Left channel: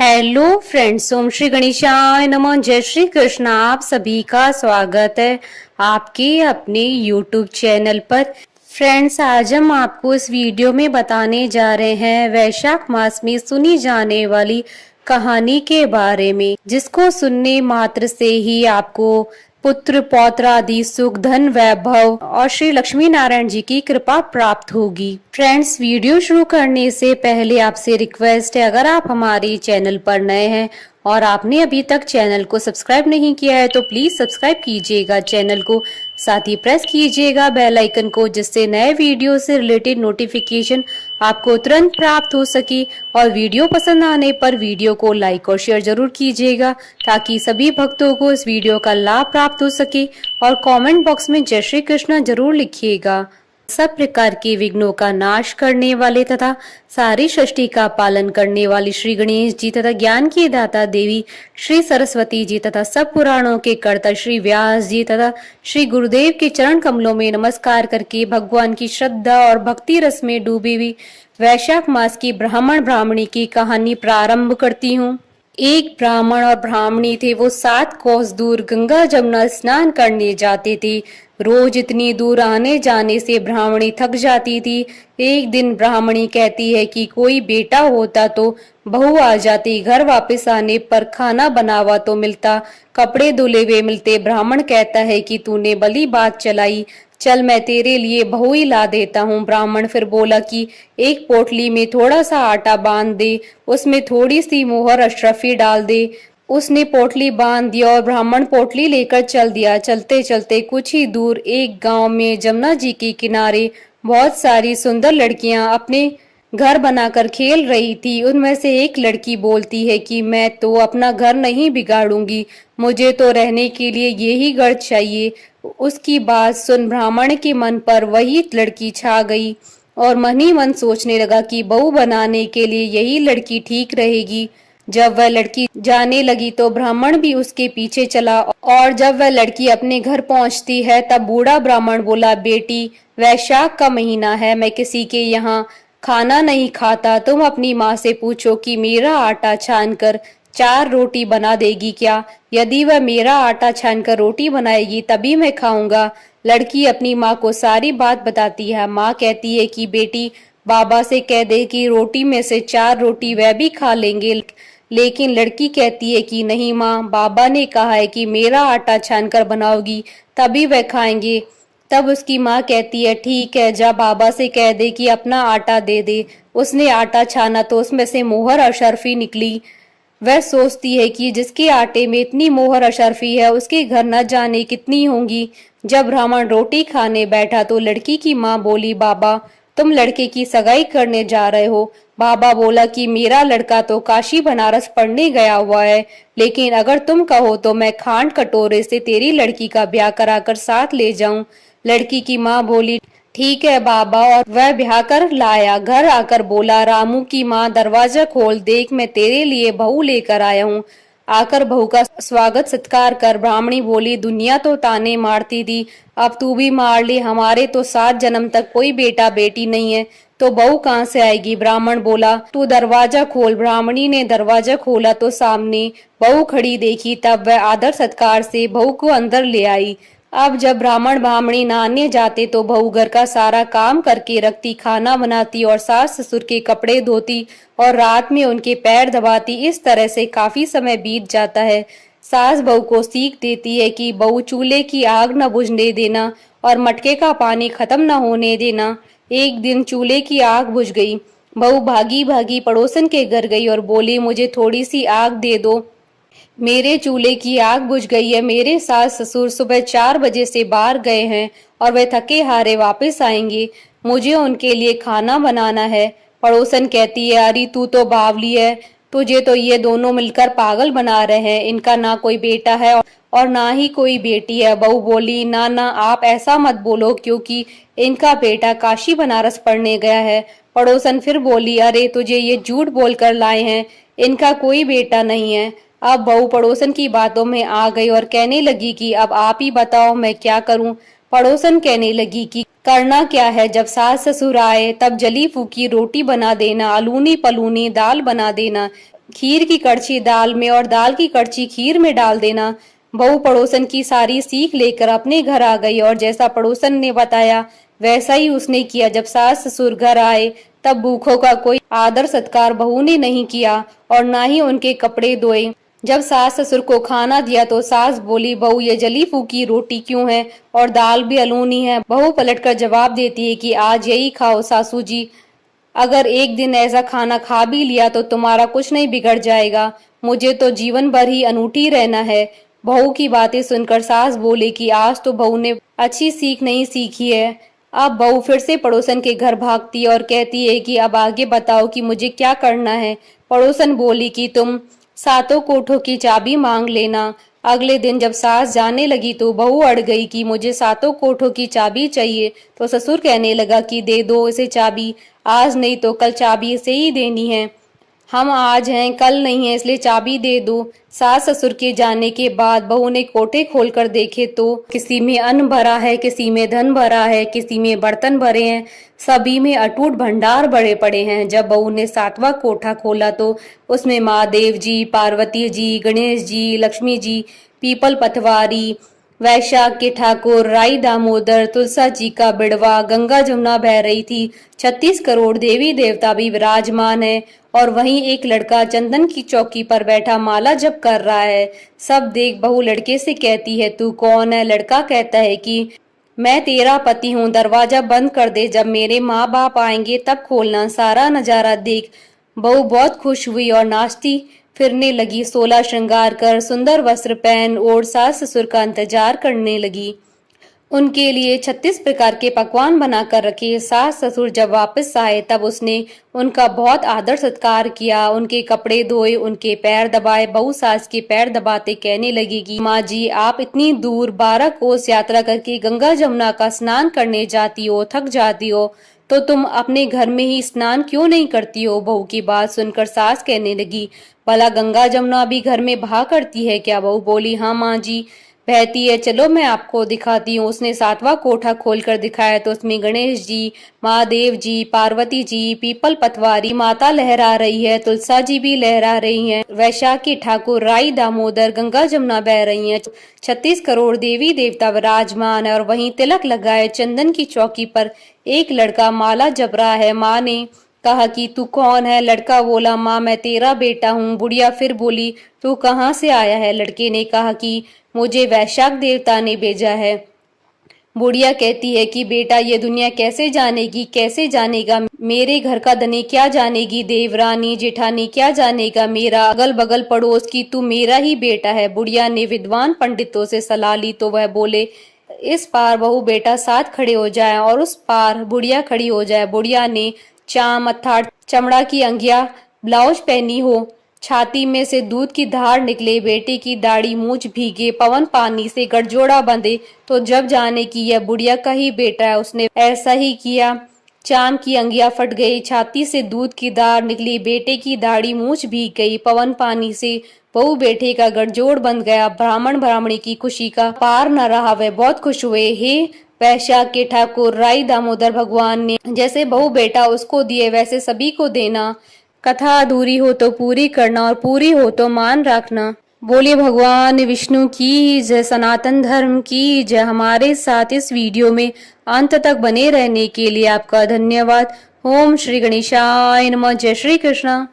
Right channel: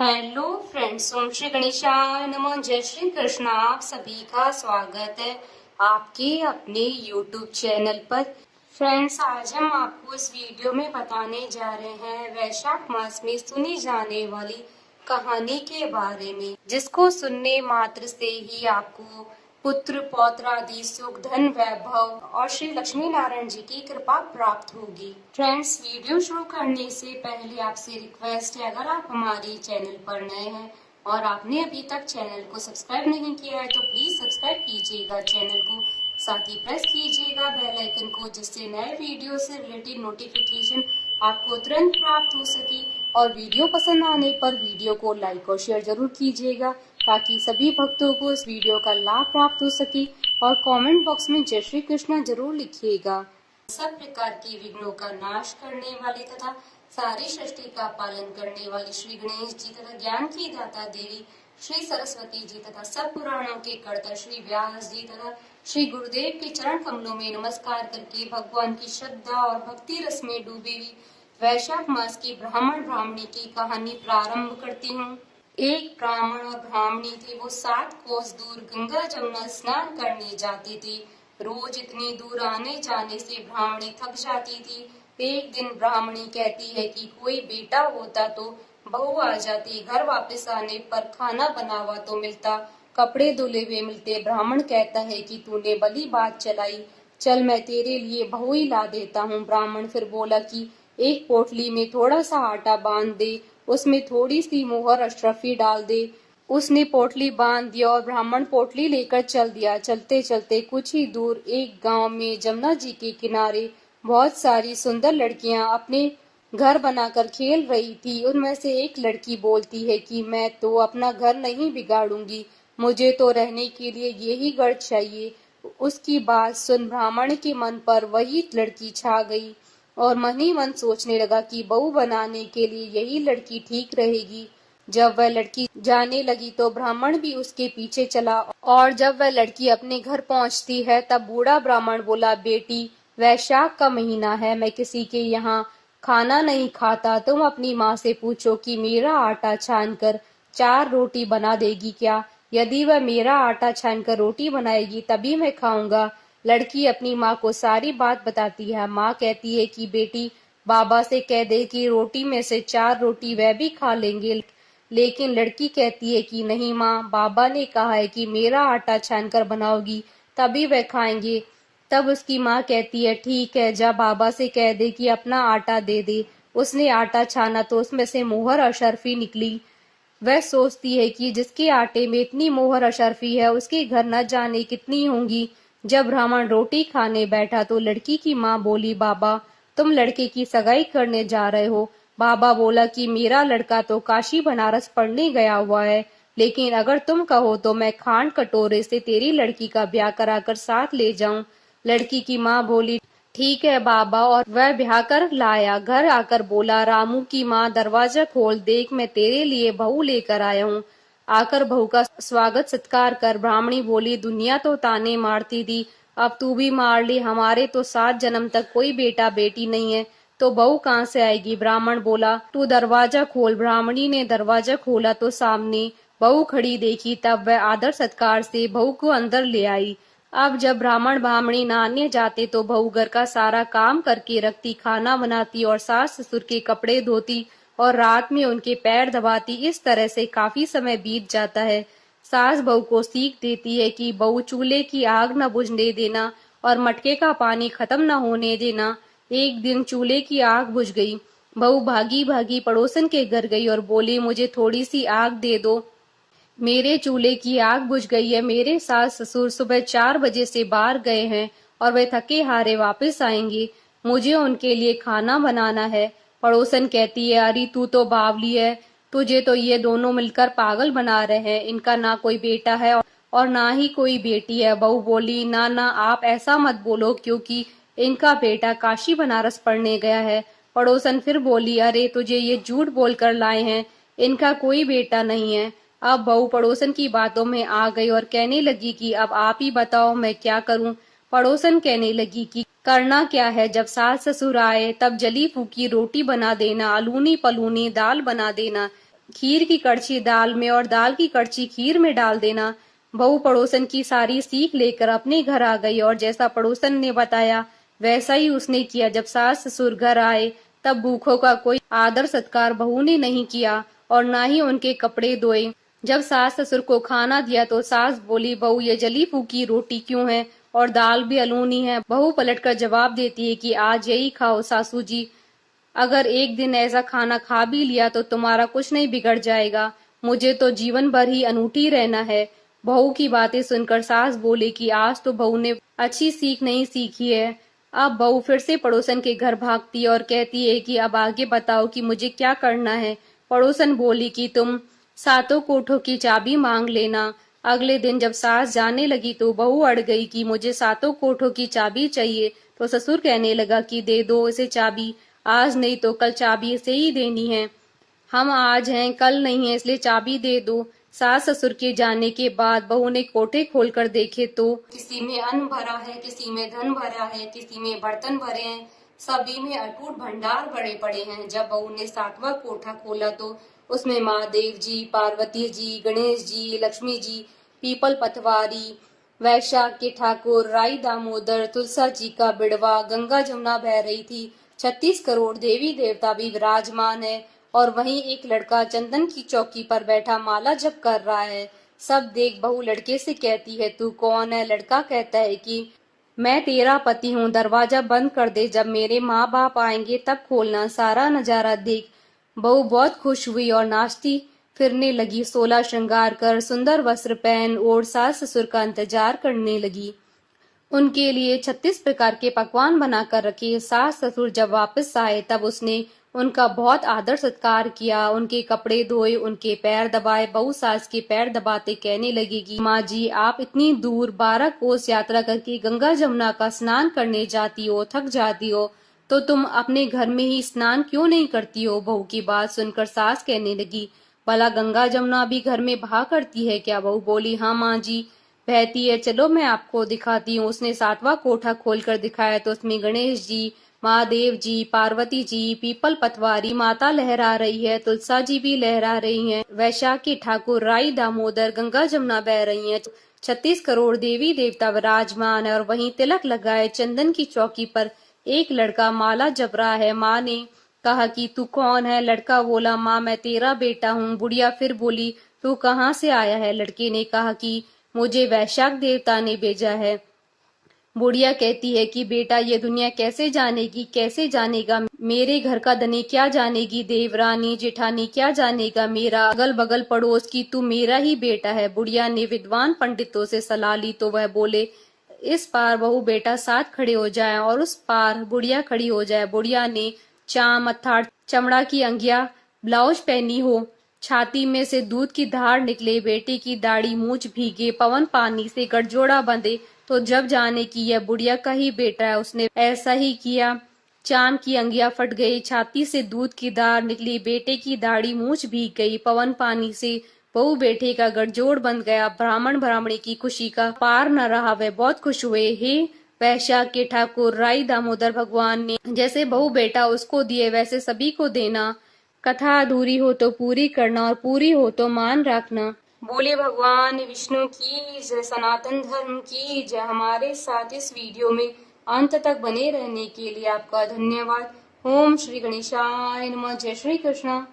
Hello friends, ओम श्री गणेशाय नमः। जय श्री कृष्ण। आप सभी का स्वागत है आपके अपने यूट्यूब चैनल पर। फ्रेंड्स, आज हम आपको इस वीडियो में बताने जा रहे हैं वैशाख मास में सुनी जाने वाली कहानी के बारे में, जिसको सुनने मात्र से ही आपको पुत्र पौत्र आदि सुख धन वैभव और श्री लक्ष्मी नारायण जी की कृपा प्राप्त होगी। फ्रेंड्स, वीडियो शुरू करने से पहले आपसे रिक्वेस्ट है, अगर आप हमारे चैनल पर नए हैं और आपने अभी तक चैनल को सब्सक्राइब नहीं किया है तो प्लीज सब्सक्राइब कीजिएगा चैनल को, साथ ही प्रेस कीजिएगा बेल आइकन को, जिससे नए वीडियो से रिलेटेड नोटिफिकेशन आपको तुरंत प्राप्त हो सके। और वीडियो पसंद आने पर वीडियो को लाइक और शेयर जरूर कीजिएगा, ताकि सभी भक्तों को इस वीडियो का लाभ प्राप्त हो सके। और कमेंट बॉक्स में जय श्री कृष्ण जरूर लिखिएगा। सब प्रकार के विघ्नों का नाश करने वाले तथा सारी सृष्टि का पालन करने वाली श्री गणेश जी तथा ज्ञान की दाता देवी श्री सरस्वती जी तथा सब पुराणों के कर्ता श्री व्यास जी तथा श्री गुरुदेव के चरण कमलों में नमस्कार करके भगवान की श्रद्धा और भक्ति रस में डूबी हुई वैशाख मास की ब्राह्मण ब्राह्मणी की कहानी प्रारंभ करती हूँ। एक ब्राह्मण और ब्राह्मणी थे। वो 7 कोस दूर गंगा जमुना स्नान करने जाते थे। रोज इतनी दूर आने जाने से ब्राह्मणी थक जाती थी। एक दिन ब्राह्मणी कहती है कि कोई बेटा होता तो बहू आ जाती, घर वापस आने पर खाना बना हुआ तो मिलता, कपड़े धुले हुए मिलते। ब्राह्मण कहता है कि तूने भली बात चलाई, चल मैं तेरे लिए बहू ही ला देता हूँ। ब्राह्मण फिर बोला कि एक पोटली में थोड़ा सा आटा बांध दे, उसमें थोड़ी सी मोहर अशरफी डाल दे। उसने पोटली बांध दिया और ब्राह्मण पोटली लेकर चल दिया। चलते चलते कुछ ही दूर एक गांव में जमुना जी के किनारे बहुत सारी सुंदर लड़कियां अपने घर बनाकर खेल रही थी। उनमें से एक लड़की बोलती है कि मैं तो अपना घर नहीं बिगाड़ूंगी, मुझे तो रहने के लिए यही घर चाहिए। उसकी बात सुन ब्राह्मण के मन पर वही लड़की छा गई और मन ही मन सोचने लगा कि बहू बनाने के लिए यही लड़की ठीक रहेगी। जब वह लड़की जाने लगी तो ब्राह्मण भी उसके पीछे चला, और जब वह लड़की अपने घर पहुंचती है तब बूढ़ा ब्राह्मण बोला, बेटी वैशाख का महीना है, मैं किसी के यहाँ खाना नहीं खाता। तुम अपनी माँ से पूछो कि मेरा आटा छान कर 4 रोटी बना देगी क्या? यदि वह मेरा आटा छान कर रोटी बनाएगी तभी मैं खाऊंगा। लड़की अपनी माँ को सारी बात बताती है। माँ कहती है कि बेटी बाबा से कह दे कि रोटी में से 4 रोटी वह भी खा लेंगे। लेकिन लड़की कहती है कि नहीं माँ, बाबा ने कहा है कि मेरा आटा छान कर बनाओगी तभी वह खाएंगे। तब उसकी माँ कहती है, ठीक है, जा बाबा से कह दे कि अपना आटा दे दे। उसने आटा छाना तो उसमें से मोहर अशरफी निकली। वह सोचती है कि जिसके आटे में इतनी मोहर अशरफी है उसके घर न जाने कितनी होंगी। जब ब्राह्मण रोटी खाने बैठा तो लड़की की माँ बोली, बाबा तुम लड़के की सगाई करने जा रहे हो? बाबा बोला कि मेरा लड़का तो काशी बनारस पढ़ने गया हुआ है, लेकिन अगर तुम कहो तो मैं खांड कटोरे से तेरी लड़की का ब्याह कराकर साथ ले जाऊं। लड़की की माँ बोली, ठीक है बाबा, और वह ब्याह कर लाया। घर आकर बोला, रामू की माँ दरवाजा खोल, देख मैं तेरे लिए बहू लेकर आया हूँ, आकर बहू का स्वागत सत्कार कर। ब्राह्मणी बोली, दुनिया तो ताने मारती थी, अब तू भी मार ले, हमारे तो 7 जन्म तक कोई बेटा बेटी नहीं है, तो बहू कहाँ से आएगी? ब्राह्मण बोला, तू दरवाजा खोल। ब्राह्मणी ने दरवाजा खोला तो सामने बहू खड़ी देखी। तब वह आदर सत्कार से बहू को अंदर ले आई। अब जब ब्राह्मण ब्राह्मणी नहाने जाते तो बहू घर का सारा काम करके रखती, खाना बनाती और सास ससुर के कपड़े धोती और रात में उनके पैर दबाती। इस तरह से काफी समय बीत जाता है। सास बहू को सीख देती है कि बहू चूल्हे की आग न बुझने देना और मटके का पानी खत्म न होने देना। एक दिन चूल्हे की आग बुझ गई। बहू भागी भागी पड़ोसन के घर गई और बोली, मुझे थोड़ी सी आग दे दो, मेरे चूल्हे की आग बुझ गई है। मेरे सास ससुर सुबह 4 बजे से बाहर गए हैं और वे थके हारे वापस आएंगे, मुझे उनके लिए खाना बनाना है। पड़ोसन कहती है, अरे तू तो बावली है, तुझे तो ये दोनों मिलकर पागल बना रहे हैं, इनका ना कोई बेटा है और ना ही कोई बेटी है। बहू बोली, ना ना आप ऐसा मत बोलो, क्योंकि इनका बेटा काशी बनारस पढ़ने गया है। पड़ोसन फिर बोली, अरे तुझे ये झूठ बोलकर लाए हैं, इनका कोई बेटा नहीं है। अब बहू पड़ोसन की बातों में आ गई और कहने लगी कि अब आप ही बताओ मैं क्या करूं। पड़ोसन कहने लगी कि करना क्या है, जब सास ससुर आए तब जली फूकी रोटी बना देना, अलूनी पलूनी दाल बना देना, खीर की कड़छी दाल में और दाल की कड़छी खीर में डाल देना। बहू पड़ोसन की सारी सीख लेकर अपने घर आ गई और जैसा पड़ोसन ने बताया वैसा ही उसने किया। जब सास ससुर घर आए तब भूखों का कोई आदर सत्कार बहू ने नहीं किया और ना ही उनके कपड़े धोए। जब सास ससुर को खाना दिया तो सास बोली, बहू ये जली फूकी रोटी क्यों है और दाल भी अलोनी है। बहू पलटकर जवाब देती है कि आज यही खाओ सासू जी, अगर एक दिन ऐसा खाना खा भी लिया तो तुम्हारा कुछ नहीं बिगड़ जाएगा, मुझे तो जीवन भर ही अनूठी रहना है। बहू की बातें सुनकर सास बोले कि आज तो बहू ने अच्छी सीख नहीं सीखी है। अब बहू फिर से पड़ोसन के घर भागती और कहती है कि अब आगे बताओ कि मुझे क्या करना है। पड़ोसन बोली कि तुम सातों कोठों की चाबी मांग लेना। अगले दिन जब सास जाने लगी तो बहू अड़ गई कि मुझे सातों कोठों की चाबी चाहिए। तो ससुर कहने लगा कि दे दो इसे चाबी, आज नहीं तो कल चाबी इसे ही देनी है। हम आज हैं कल नहीं है, इसलिए चाबी दे दो। सास ससुर के जाने के बाद बहू ने कोठे खोलकर देखे तो किसी में अन्न भरा है, किसी में धन भरा है, किसी में बर्तन भरे हैं, सभी में अटूट भंडार भरे पड़े हैं। जब बहू ने सातवां कोठा खोला तो उसमें महादेव जी, पार्वती जी, गणेश जी, लक्ष्मी जी, पीपल पतवारी, वैशाख के ठाकुर, राई दामोदर, तुलसा जी का बिड़वा, गंगा जमुना बह रही थी। 36 करोड़ देवी देवता भी विराजमान है और वहीं एक लड़का चंदन की चौकी पर बैठा माला जप कर रहा है। सब देख बहू लड़के से कहती है, तू कौन है? लड़का कहता है कि मैं तेरा पति हूँ, दरवाजा बंद कर दे, जब मेरे माँ बाप आएंगे तब खोलना, सारा नजारा देख। बहू बहुत खुश हुई और नाचती फिरने लगी, 16 श्रृंगार कर सुंदर वस्त्र पहन और सास ससुर का इंतजार करने लगी। उनके लिए 36 प्रकार के पकवान बनाकर रखे। सास ससुर जब वापस आए तब उसने उनका बहुत आदर सत्कार किया, उनके कपड़े धोए, उनके पैर दबाए। बहू सास के पैर दबाते कहने लगी कि माँ जी, आप इतनी दूर 12 कोस यात्रा करके गंगा जमुना का स्नान करने जाती हो, थक जाती हो, तो तुम अपने घर में ही स्नान क्यों नहीं करती हो? बहू की बात सुनकर सास कहने लगी, भला गंगा जमुना भी घर में बहा करती है क्या? बहू बोली, हाँ माँ जी, बहती है, चलो मैं आपको दिखाती हूँ। उसने सातवां कोठा खोलकर दिखाया तो उसमें गणेश जी, महादेव जी, पार्वती जी, पीपल पतवारी माता लहरा रही है, तुलसा जी भी लहरा रही हैं, वैशाख के ठाकुर, राई दामोदर, गंगा जमुना बह रही हैं, 36 करोड़ देवी देवता विराजमान है और वहीं तिलक लगाए चंदन की चौकी पर एक लड़का माला जप रहा है। माँ ने कहा कि तू कौन है? लड़का बोला, माँ मैं तेरा बेटा हूँ। बुढ़िया फिर बोली, तू कहाँ से आया है? लड़के ने कहा कि मुझे वैशाख देवता ने भेजा है। बुढ़िया कहती है कि बेटा ये दुनिया कैसे जानेगी, कैसे जानेगा? मेरे घर का धनी क्या जानेगी? देवरानी जेठानी क्या जानेगा? मेरा अगल बगल पड़ोस की तू मेरा ही बेटा है। बुढ़िया ने विद्वान पंडितों से सलाह ली तो वह बोले, इस पार बहू बेटा साथ खड़े हो जाए और उस पार बुढ़िया खड़ी हो जाए। बुढ़िया ने चाम अर्थात चमड़ा की अंगिया ब्लाउज पहनी हो, छाती में से दूध की धार निकले, बेटे की दाढ़ी मूछ भीगे, पवन पानी से गठजोड़ा बंधे तो जब जाने की यह बुढ़िया का ही बेटा है। उसने ऐसा ही किया। चाम की अंगिया फट गई, छाती से दूध की धार निकली, बेटे की दाढ़ी मूछ भीग गई, पवन पानी से बहू बेटे का गठजोड़ बंध गया। ब्राह्मण ब्राह्मणी की खुशी का पार न रहा, वे बहुत खुश हुए। हे वैशाख के ठाकुर, राई दामोदर, भगवान ने जैसे बहू बेटा उसको दिए वैसे सभी को देना। कथा अधूरी हो तो पूरी करना और पूरी हो तो मान रखना। बोले भगवान विष्णु की जय, सनातन धर्म की जय। हमारे साथ इस वीडियो में अंत तक बने रहने के लिए आपका धन्यवाद। ओम श्री गणेशाय नमः। जय श्री कृष्णा।